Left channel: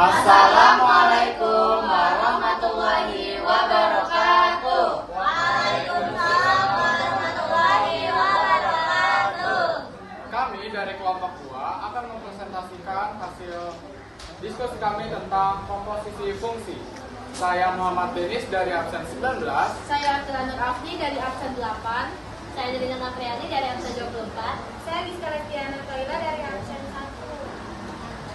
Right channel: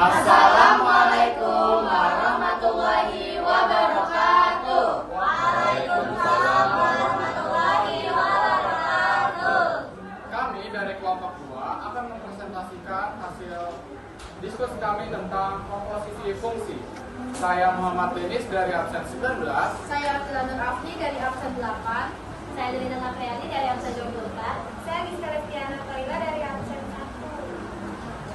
Assalamualaikum warahmatullahi wabarakatuh. Waalaikumsalam warahmatullahi wabarakatuh. Kami dari kelompok 2 akan mempresentasikan hasil diskusi kami tentang komposisi fungsi. Saya Muhammad Denis dari absen 19. Saya Nur Afni dari absen 8. Saya Delina Mapriani dari absen 24. Saya Gisela Lestiana Toila dari absen 1.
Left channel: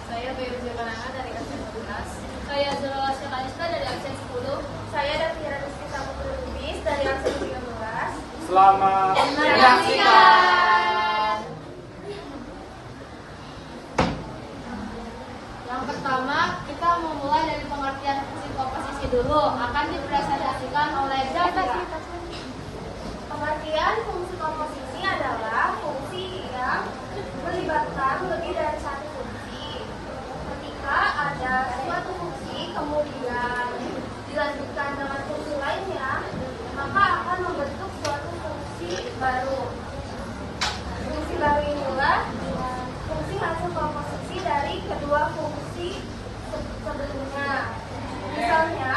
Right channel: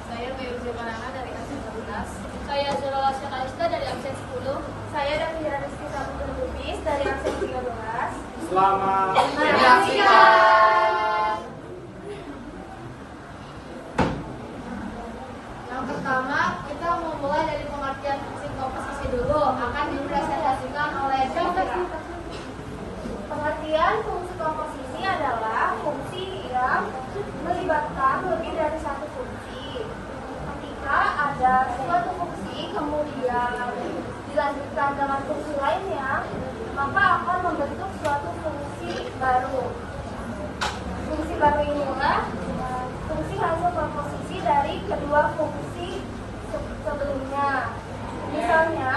Saya Bayu Jamanana dari absen 11. Saya Zurala Syekalista dari absen 10. Saya Daphira Rizky Saputra Lubis dari absen 13. Selamat Menyaksikan. Yang pertama, kita memulai dari pengertian fungsi komposisi dulu. Akan dipresentasikan oleh Daphira. Pengertian fungsi komposisi adalah fungsi yang melibatkan lebih dari satu fungsi. Ketika ada suatu fungsi kemudian dilanjutkan dengan fungsi lainnya, maka akan membentuk suatu fungsi baru. Fungsi baru inilah fungsi hasil komposisi dari kedua fungsi sebelumnya. Misalnya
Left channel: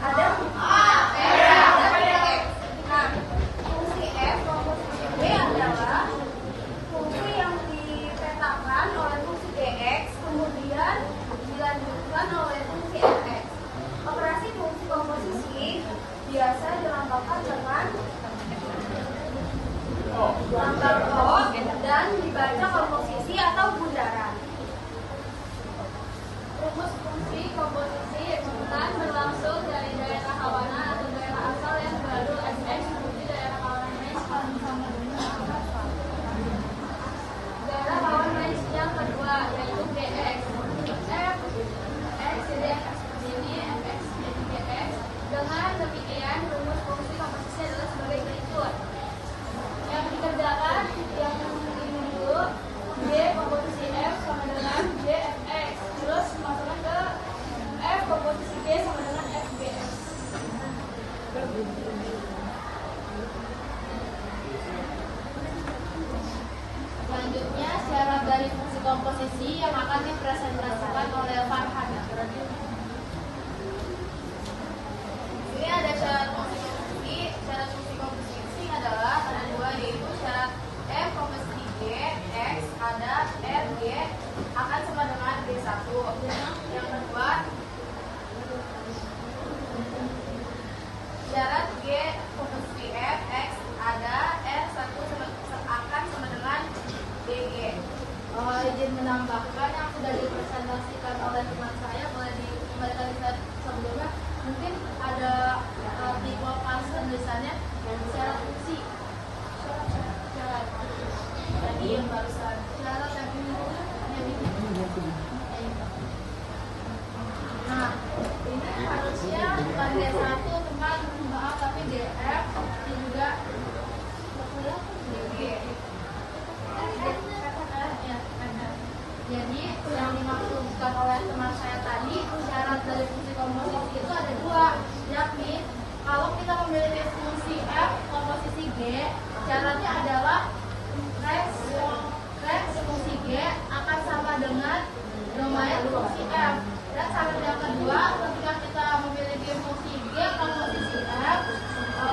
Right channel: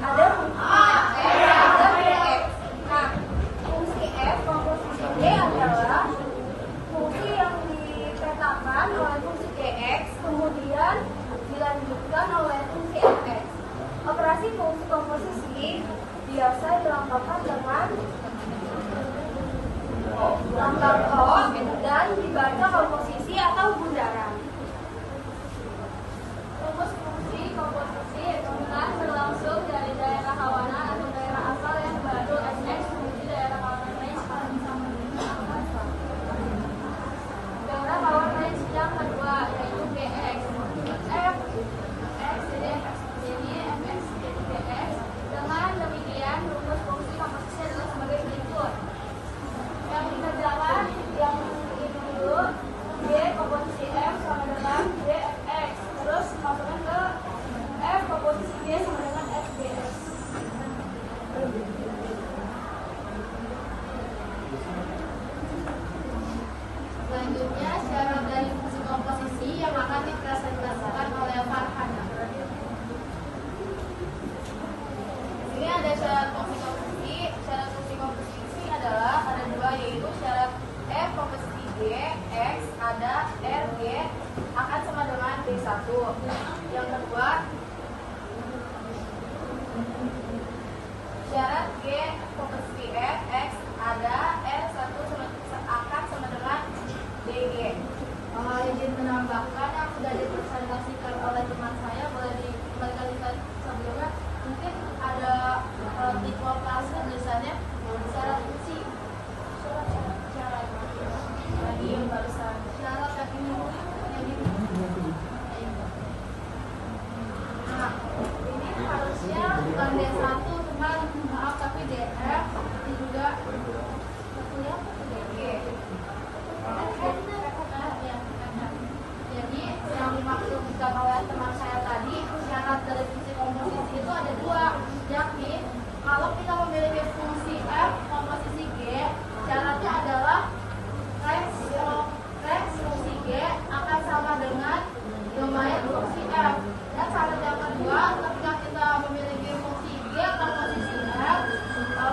ada fungsi f, ada Gx. Nah, fungsi f komposisi G adalah fungsi yang dipetakan oleh fungsi Gx kemudian dilanjutkan oleh fungsi fx. Operasi fungsi komposisi biasa dilambangkan dengan lambang O dan dibaca komposisi atau bundaran. Rumus fungsi komposisi bukan berlangsung dari daerah kawanan atau daerah asal yang baru fx menuju daerah kawanan range daerah kawanan range yang kedua yaitu gx. F x jadi fx jadi fx jadi gx. Dengan demikian rumus fungsi komposisi adalah sebagai berikut. Yang dikerjakan yang ini dulu, G komposisi F sama dengan G fx. Terus masukkan ke F komposisi G sama dengan F Gx. Selanjutnya, syarat dari fungsi komposisi yang akan dipresentasikan oleh Farhana. Ini ada syarat fungsi komposisi. Syarat fungsi komposisi adalah ada dua, yaitu syarat F komposisi G, X, ada R, G akan sama dengan D1. Yang kedua, syarat G komposisi F, X, ada R1 akan sama dengan DG. Izin menambahkan yang sudah dipresentasikan oleh teman saya, boleh dikembalikan lihat sebelumnya. Mungkin ada tipe fase tulisannya syarat fungsi. Syarat tadi yang barusan. Syarat yang ini yang ini. Nah, ini harusnya bukan D1 teman, maaf, tapi DF ini juga DG. Jadi yang dimaksudkan oleh teman saya tadi, syarat dari fungsi komposisi itu ada dua, yakni kalau kita memiliki fungsi f komposisi g, syaratnya adalah rex fungsi g akan sama dengan domain fungsi f. Dan syarat yang kedua, ketika kita memiliki fungsi g komposisi f,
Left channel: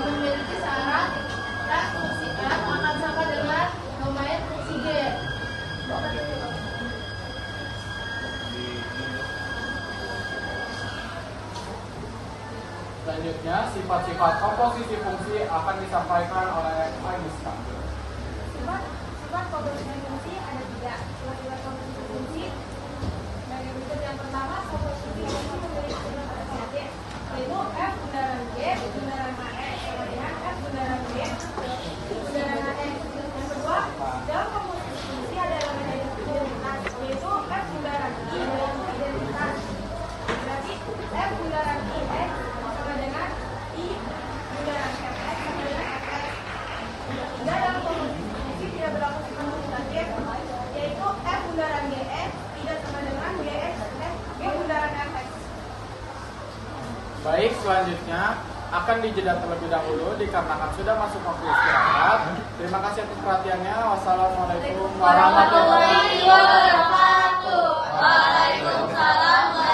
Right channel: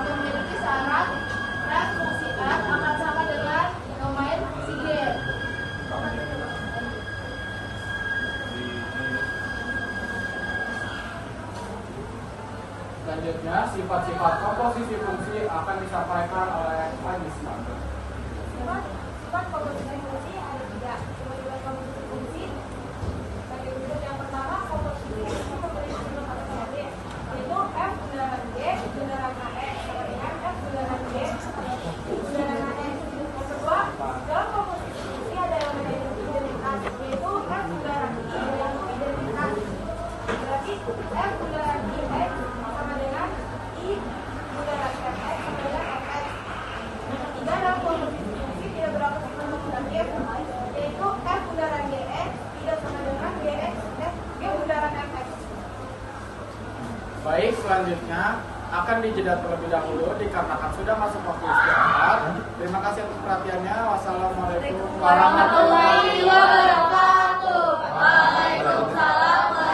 memiliki syarat rex fungsi f akan sama dengan domain fungsi g. Selanjutnya, sifat-sifat komposisi fungsi akan disampaikan oleh Aisyah. Sifat komposisi fungsi ada tiga. Sifat komposisi fungsi sebagai berikut. Yang pertama, komposisi fungsi memiliki bentuk asosiatif, yaitu f bundaran g bundaran kx sama dengan f bundaran g bundaran kx. Yang kedua, dalam komposisi fungsi ada elemen identitas, yaitu f bundaran i yaitu identitas. Berarti f bundaran i x sama dengan i bundaran fx sama dengan fx. Yang ketiga, dalam komposisi fungsi tidak berlaku sifat komutatif, yaitu f bundaran gx tidak sama dengan gx f g bundaran fx. Baik, selanjutnya akan dijeda terlebih dahulu dikarenakan sudah masuk waktu istirahat. Terima kasih atas perhatiannya. Wassalamualaikum warahmatullahi wabarakatuh. Waalaikumsalam.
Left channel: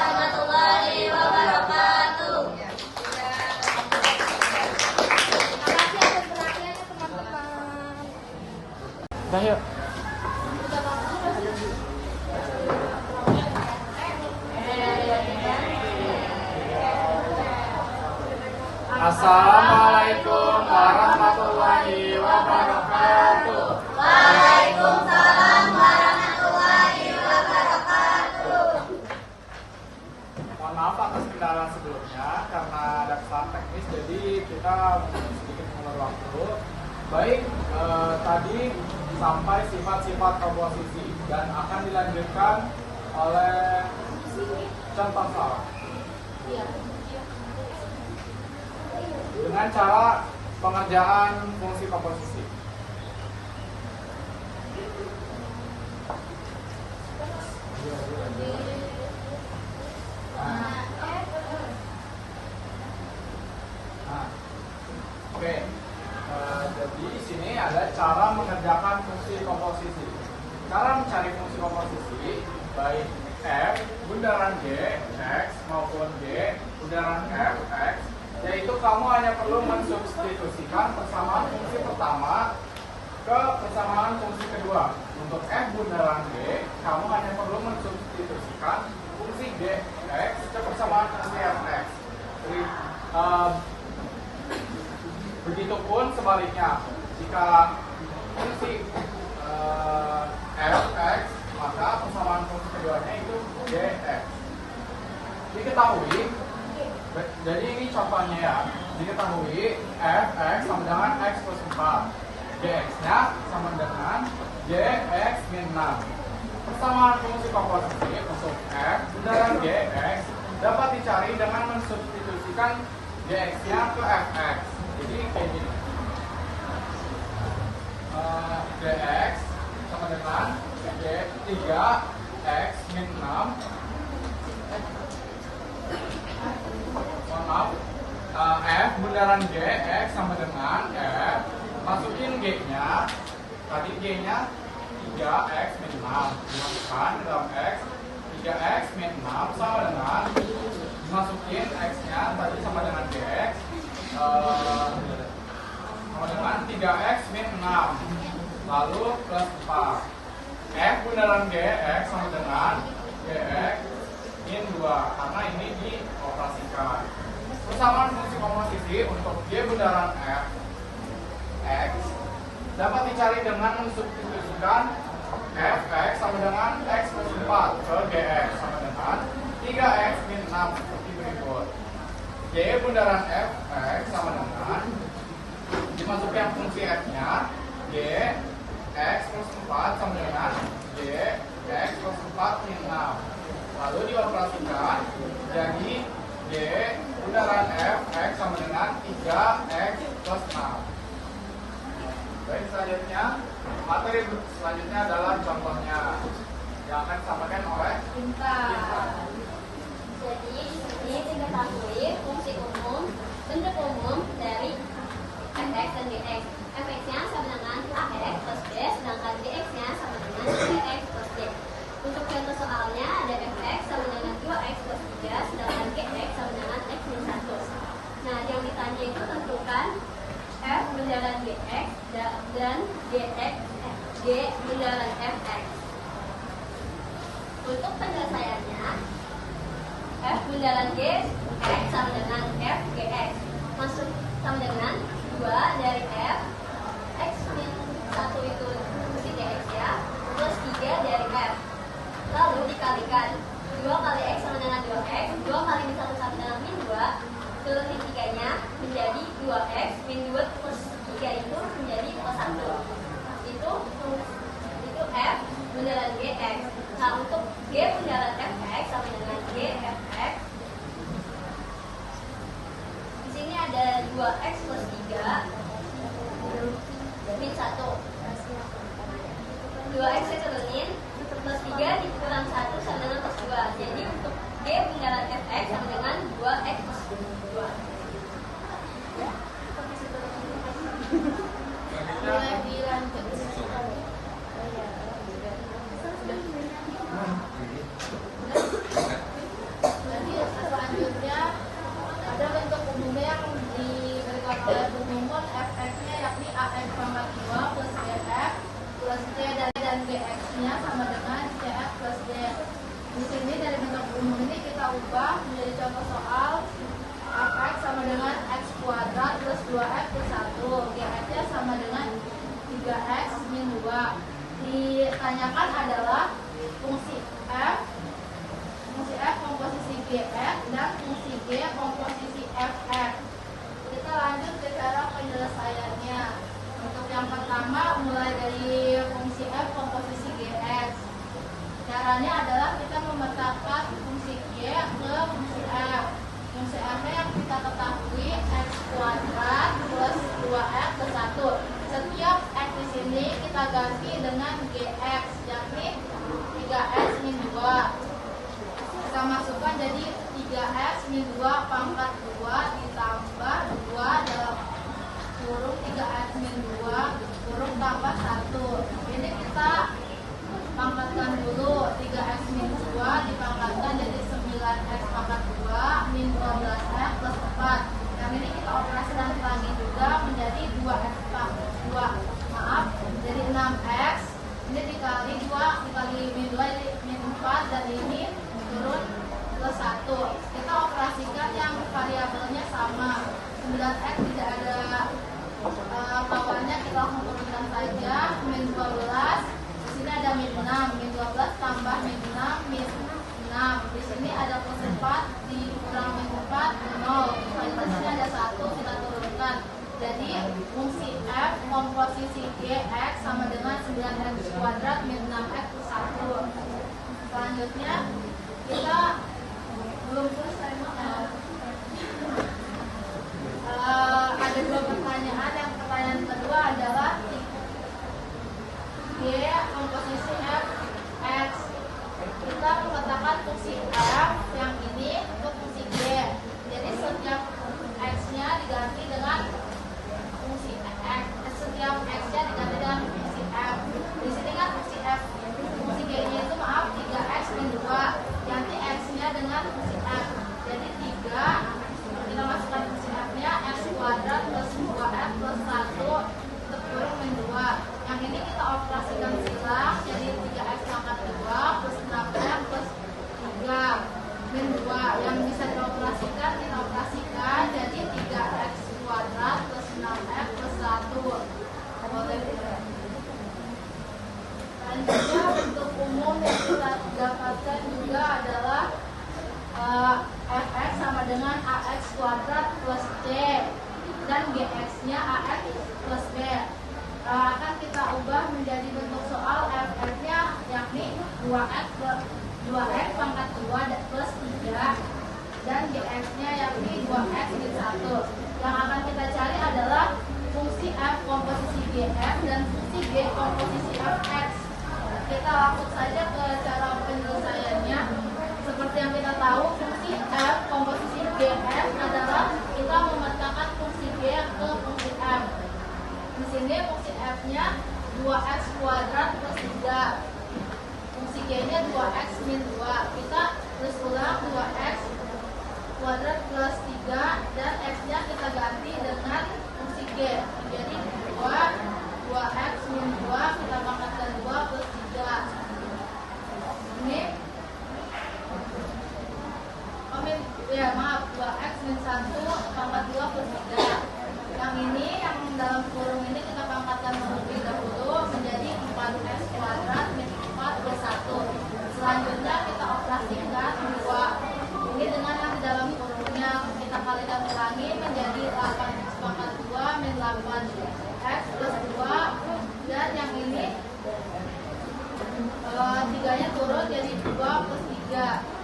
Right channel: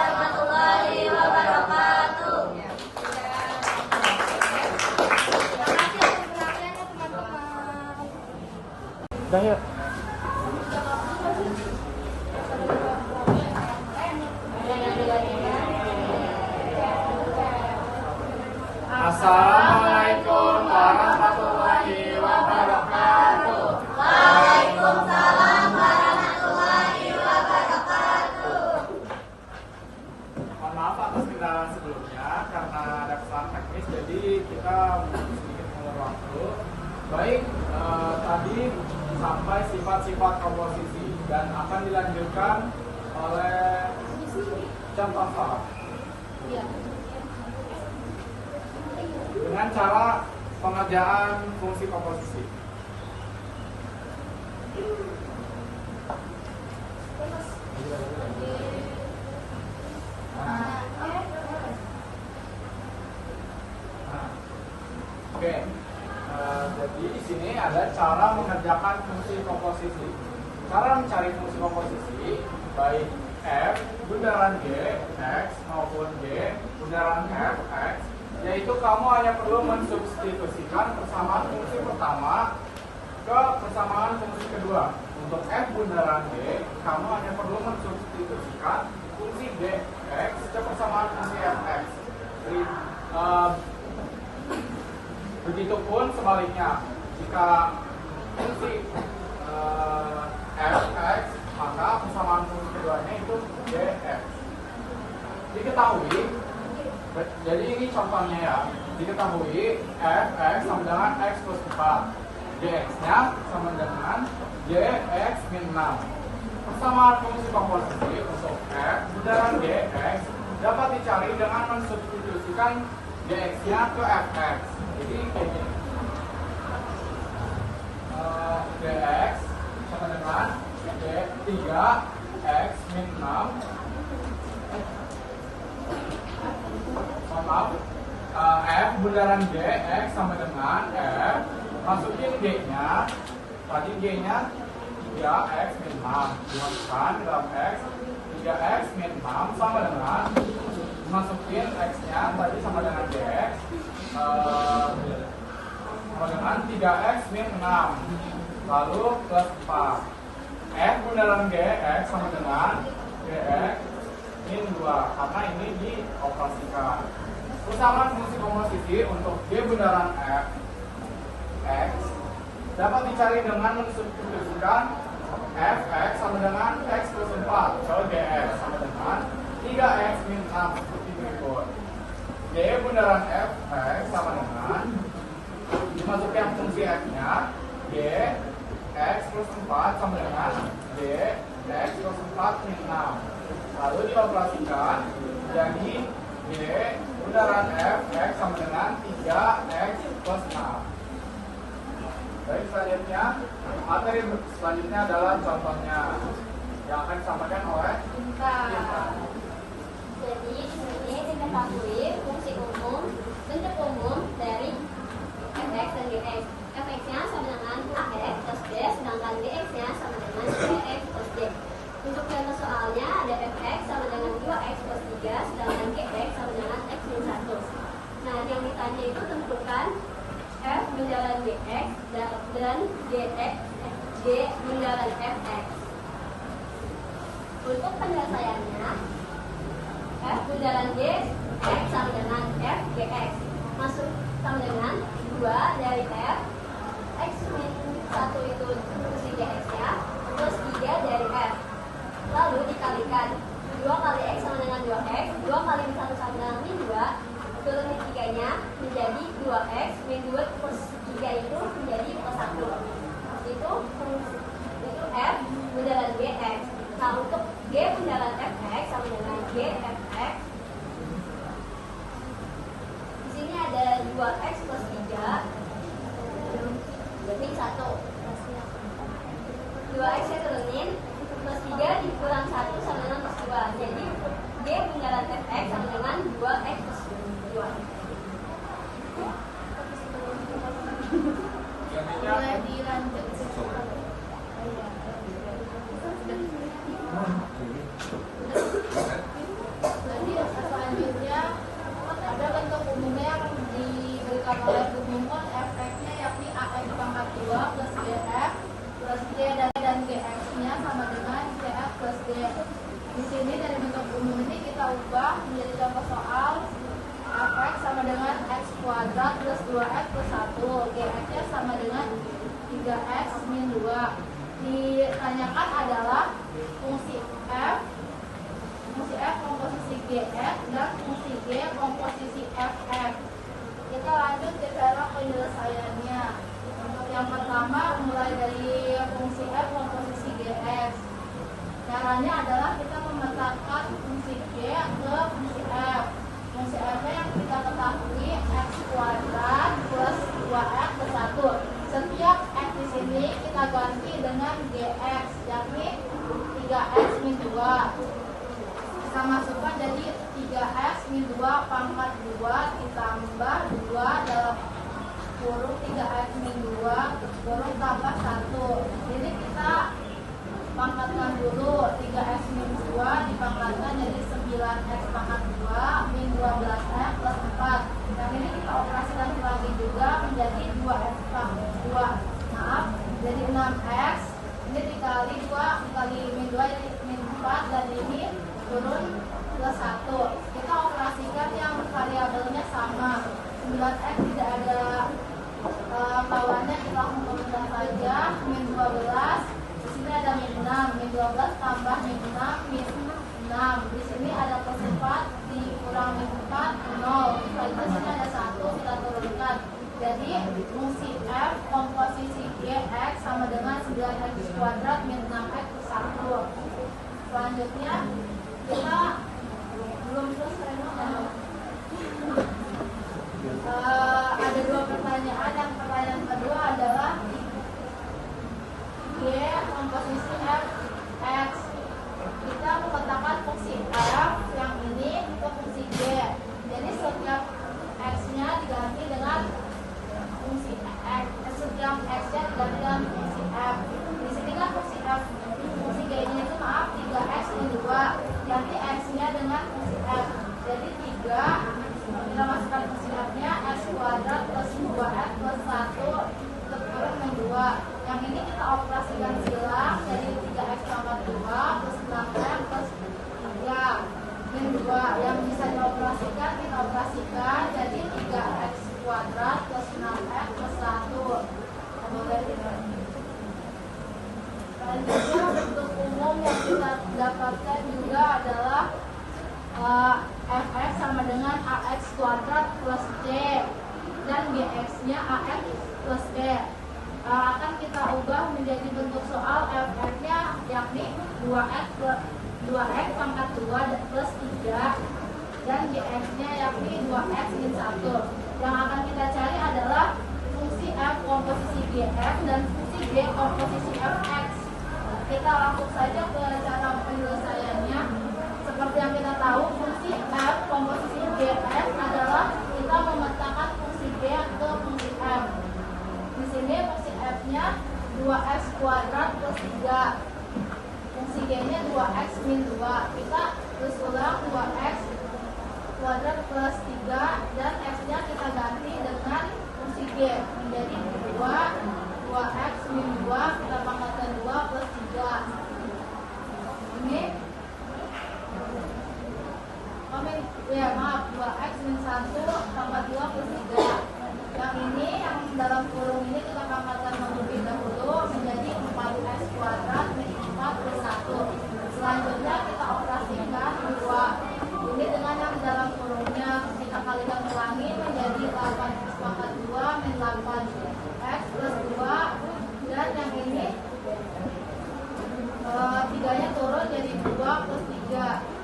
Udah yuk. Assalamualaikum warahmatullahi wabarakatuh. Waalaikumsalam warahmatullahi wabarakatuh. Mohon maaf atas kendala sebelumnya karena ada kesalahan teknis, jadi kita sedikit mengulur waktu. Baik, tadi sampai sifat-sifat komposisi dan akan dilanjutkan oleh contoh soal dengan cara pengerjaan fungsi komposisi. Oke. Jadi di sini ada cara mengerjakan fungsi komposisi. Cara mencari fungsi komposisi baik f bundaran g x maupun g bundaran f x, yaitu kamu hanya perlu mensubstitusikan persamaan fungsi pertama ke persamaan fungsi kedua. Untuk f bundaran g, kamu hanya perlu mensubstitusikan fungsi g x ke persamaan fungsi f x. Jadi, begitupun sebaliknya, jika fungsi f x, maka persamaan fungsi keduanya itu gx. Diketahui, jadi ini contohnya ya, diketahui f x sama dengan x plus 4, gx nya sama dengan gx min 6. Persamaan fungsi komposisi untuk f bundaran gx dapat dicari dengan mensubstitusikan gx nya ke fx. Jadi kayak gini, gx sama dengan 3x min 6. Maaf, f bundaran gx sama dengan f, masukin g nya, tadi g nya 3x min 6, dimasukkan ke dalam x, 3x min 6 sama dengan, masukin x nya tadi sama dengan gx, sama dengan 3x min 6, lalu plus 4. F bundaran gx sama dengan gx min 2, karena ini dioperasikan. Persamaan fungsi komposisi untuk g bundaran f x dapat dicari dengan mensubstitusikan fx sama dengan x plus 4 ke gx sama dengan 3x min 6 seperti berikut. G bundaran f x sama dengan, dimasukkan fungsi f nya, g x plus 4 sama dengan g x plus 4 min 6, lalu dioperasikan jadi g bundaran f x sama dengan 3x plus 6. Baik, selanjutnya materi selanjutnya adalah contohnya yang akan disampaikan oleh Cinta. Jadi di sini diketahui fungsi umum, bentuk umum dari fx dan gx. Fx-nya sama dengan ax plus b, sedangkan gx-nya sama dengan 3x plus d. Untuk contoh soalnya ada fx sama dengan 2x plus 3, sedangkan gx sama dengan x min 1. Nah, yang ditanya itu tentukan f bundaran gx dan g bundaran fx. Untuk penyelesaiannya, f bundaran g x sama dengan f gx, masuk sama dengan 2 dari f x min 1 itu fungsi gx nya plus 3 dari f, lalu dikalikan 2 kali x sama dengan 2x, 2 kali min 1 sama dengan min 2, turun di 3 nya menjadi 2x, min 2 plus 3 itu menjadi plus 1. Itu f bundaran gx. Nah, untuk g bundaran fx sama dengan g fx, di sini ada 2x plus 3 min 1. 2x nya turunin, plus 3 dikurang 1 sama dengan plus 2. Jadi untuk g bundaran fx sama dengan 2x plus 2. Boleh dilanjut. Jadi selanjutnya ada bentuk umumnya yang diberikan oleh pemohon, fx-nya yakni ax pangkat 2 plus gf plus umum ini kita ubah menjadi contoh soal fx sama dengan x kuadrat plus 2x plus 1. Gx-nya sama dengan 3x min 2. Ditanyakan adalah fungsi f komposisi gx dan fungsi g komposisi fx. Kita lanjut ke cara penyelesaiannya. Untuk yang pertama mulai dari fungsi f komposisi gx. Caranya adalah kita memetakan fungsi g ke fungsi f. Fungsi f yang kita ketahui x kuadrat plus 2x plus 1. Setiap x di sini kita ganti dengan gx, yakni 3x min 2. Kita masukkan jadi 3x min 2 pangkat 2 ditambah 2 dalam kurung 3x min 2 kurung tambah 1. Ini kita pangkatkan dulu. 3x min 2 dipangkatkan jadi 9x pangkat 2 min 12x plus 4. Yang ini kita operasikan lagi juga menjadi 2x pangkat 2. Maaf, jadi 6x. Ini dikali 2 dikali min 2 jadi min 4 dan ini turun plus 1. Kita operasikan yang variabelnya sama. 9x tidak ada kawannya, kita langsung turunkan saja. Min 12. Di sini ada min 6, min 12 tambah min 6, min 6. Di sini ada plus 4, dikurang min 4, 0. Selanjutnya sini ada 1, kita turunkan. Jadi fungsi f komposisi gx sama dengan 9x kuadrat min 6x plus 1. Selanjutnya kita belum selesai ada dua pertanyaan. Yang pertanyaan kedua adalah G komposisi f x. Kita memetakan fungsi f yang ini ke fungsi G. Jadi setiap x-nya diganti dengan fungsi x, setiap x-nya diganti dengan fungsi f. Di sini kan fungsi f, fungsi G-nya itu maaf 3x min 2. Ganti x-nya dengan fungsi f. Jadi 3 kita masukkan fungsi f-nya x kuadrat plus 2x plus 1 kurung min 2. Yang ini kita operasikan silang jadi 3x pangkat 2 plus 6x plus 3 min 2. Yang bisa dioperasikan kita operasikan jadi 3x kuadrat plus 6x plus 1. Selanjutnya bentuk umum yang kita dapatkan juga adalah fx sama dengan ax kuadrat plus c dan gx-nya ax plus b. Akan kita ubah menjadi bentuk soal fx-nya yakni 2x pangkat 2 plus 3 dan gx-nya yakni 2x min 1. Yang akan kita cari adalah fungsi f komposisi gx dan fungsi g komposisi fx. Kita langsung saja ke cara penyelesaiannya. Seperti yang kita tahu, fungsi f komposisi gx adalah kita memetakan fungsi g ke fungsi f. Di sini fungsi f-nya 2x kuadrat plus 3. Fungsi g-nya 2x min 2. Kita terus ulang 2x kuadrat plus 3 dan x-nya kita ganti dengan fungsi g menjadi 2x min 2 kita pangkatkan 2 plus 3. Ini maaf 2x min 1 pangkat 2 plus 3. Yang ini yang dalam kurung ini kita pangkatkan terlebih dahulu menjadi 4x kuadrat min 4 plus 1. Selanjutnya kita operasikan 2 ini dengan yang di dalam kurungnya kita kalikan ulangi menjadi 8x pangkat 2 min 8x plus 2 dan yang ini 3-nya turun jadi 2 plus 3.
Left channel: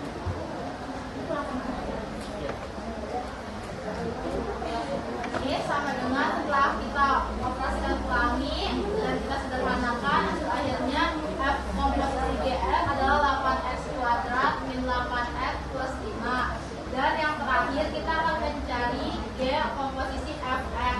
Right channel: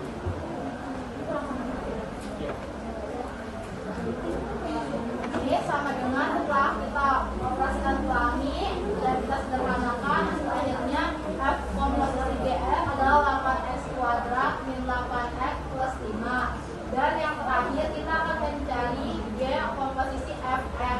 Ini sama dengan setelah kita operasikan ulangi dan kita sederhanakan, akhirnya f komposisi gx adalah 8x kuadrat min 8x plus 5. Dan yang terakhir kita akan mencari g komposisi fx.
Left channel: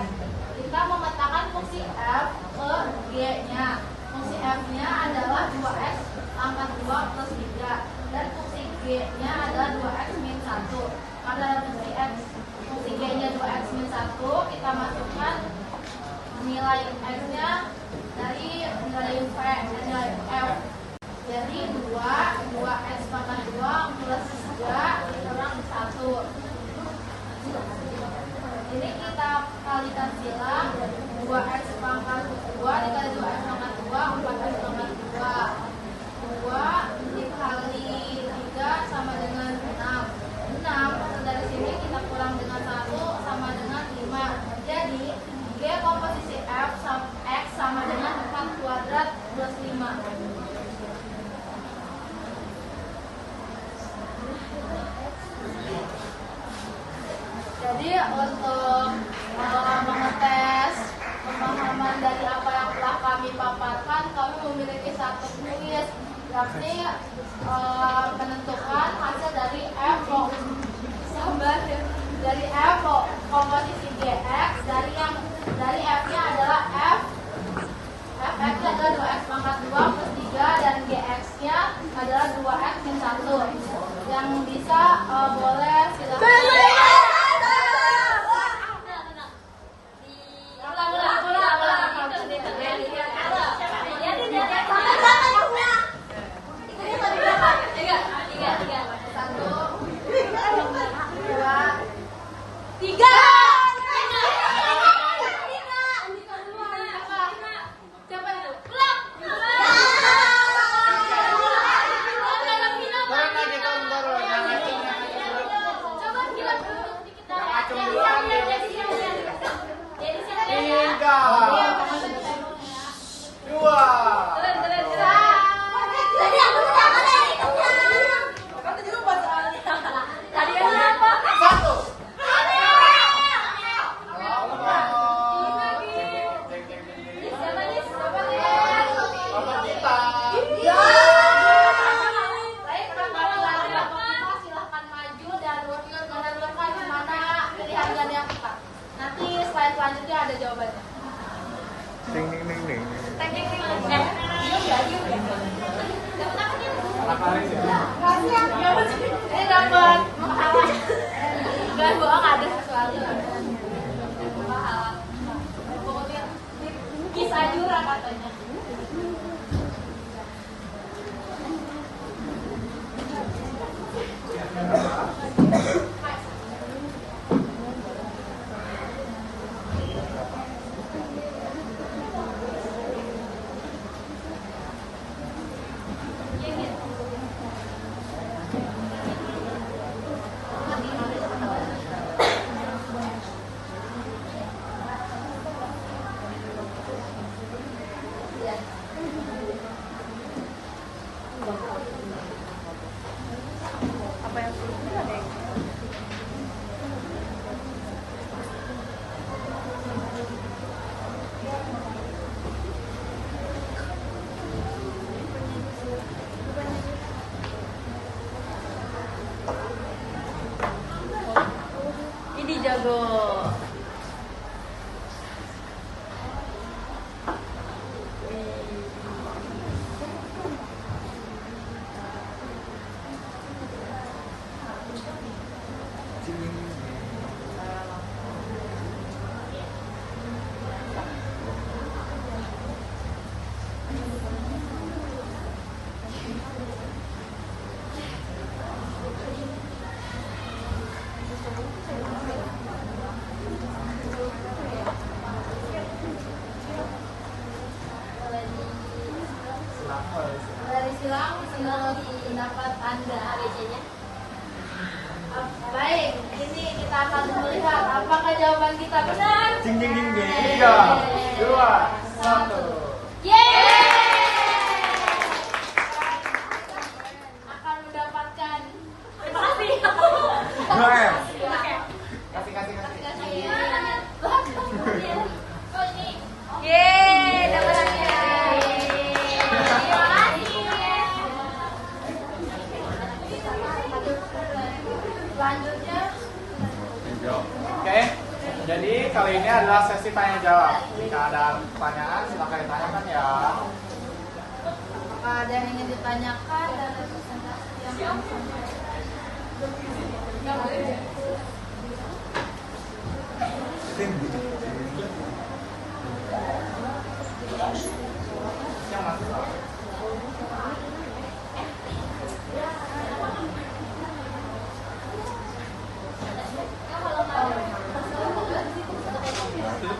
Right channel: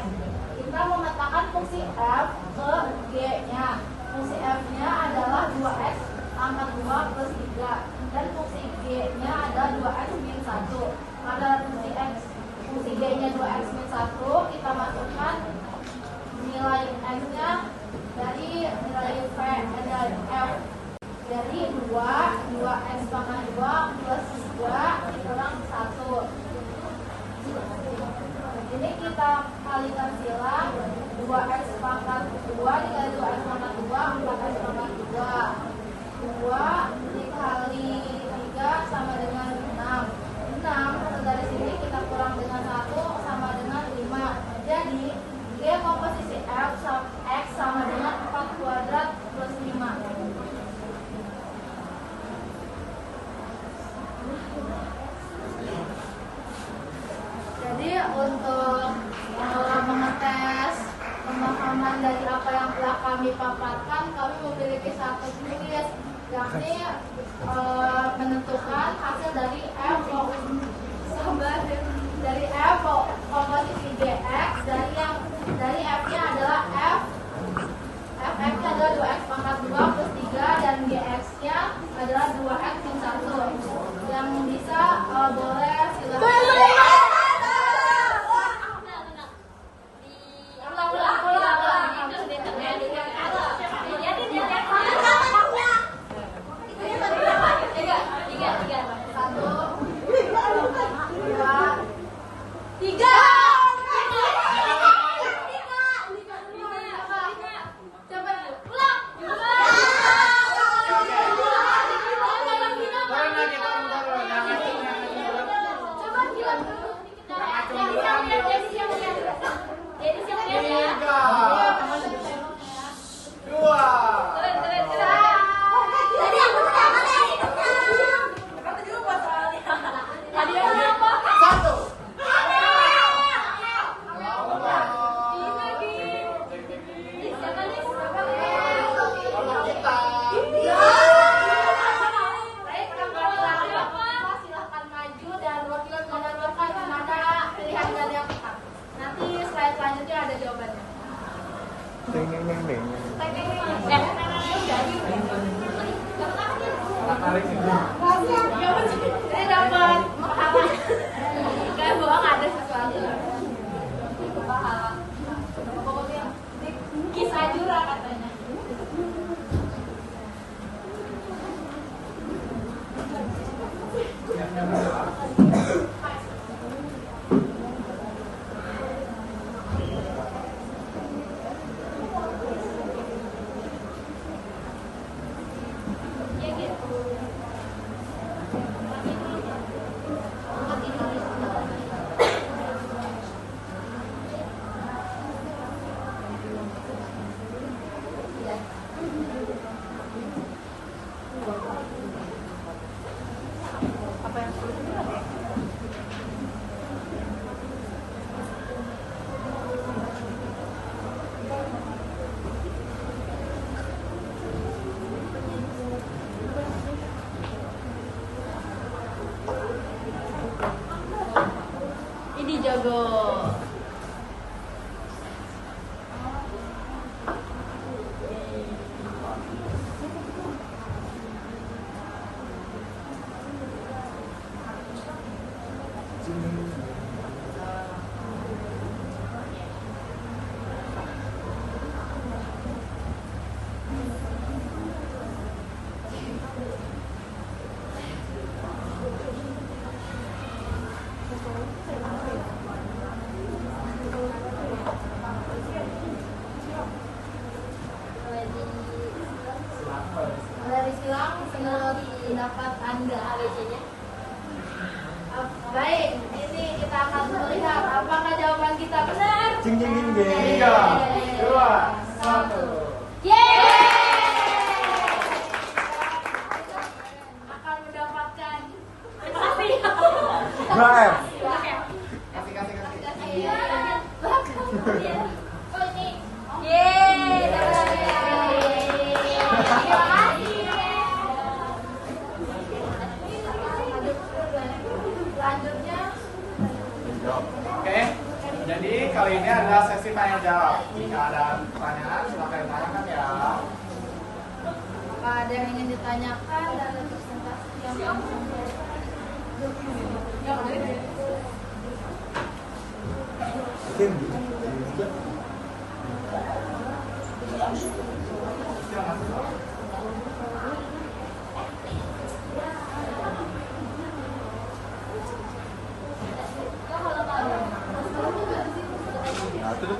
Kita memetakan fungsi f ke g-nya. Fungsi f-nya adalah 2x pangkat 2 plus 3 dan fungsi g-nya adalah 2x min 1. Pada fungsi g-nya 2x min 1 kita masukkan nilai x-nya dari nilai nilai f. Jadi 2x pangkat 2 plus Ini kita kalikan silang 2x pangkat 2 dikali 2x pangkat 2, 4x pangkat 2. 2 dikali 3 sama dengan 6. 6 dari sini kita kurang dengan 1 sama dengan 5. Jadi G komposisi F X sama dengan 4 kuadrat plus 5. Jadi untuk mengetes pemahaman dari apa yang telah kami paparkan, kami memiliki satu kuis, yakni menentukan hasil dari F dari F komposisi GX dari F-nya adalah F-nya adalah 2x pangkat 2 plus 3 dan GX-nya adalah 2x min 1. Yang bisa boleh silakan. Selanjutnya ada jawabannya. Ding ding ding ding. Ini dapat pahala. Gak bohong, ada sesuatu. Pahala. Pokoknya kis ajura katanya. Ini jago. Dari silang menurut pendapat Anda ABC-nya? Baik, ini kita akan melihat apakah jawaban kita benar. Jing jing jing jing. 3, 2, 1. Akan mendapatkan. Terima kasih. Kasih. Oh ini. Terima kasih. Selanjutnya. Oke, jadi kali ini adalah sesi tanya jawab. Jika ada pertanyaan, silakan ditanyakan ya. Apakah ada yang ingin ditanyakan dan representasi yang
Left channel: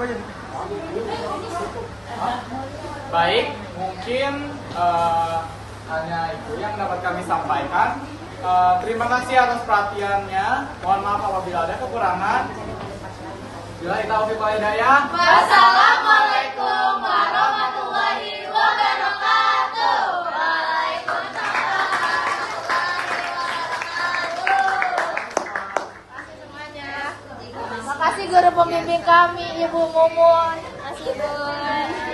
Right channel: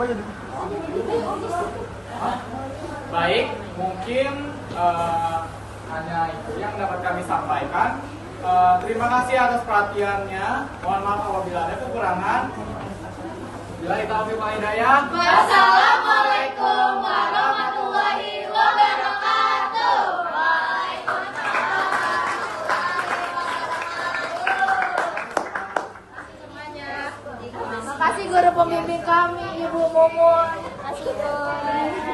jadi? Hah? Baik, mungkin hanya itu yang dapat kami sampaikan. Terima kasih atas perhatiannya. Mohon maaf apabila ada kekurangan. Billahi taufiq wal hidayah. Wassalamualaikum warahmatullahi wabarakatuh. Terima kasih guru pembimbing kami, Ibu Mumun. Terima kasih, Bu.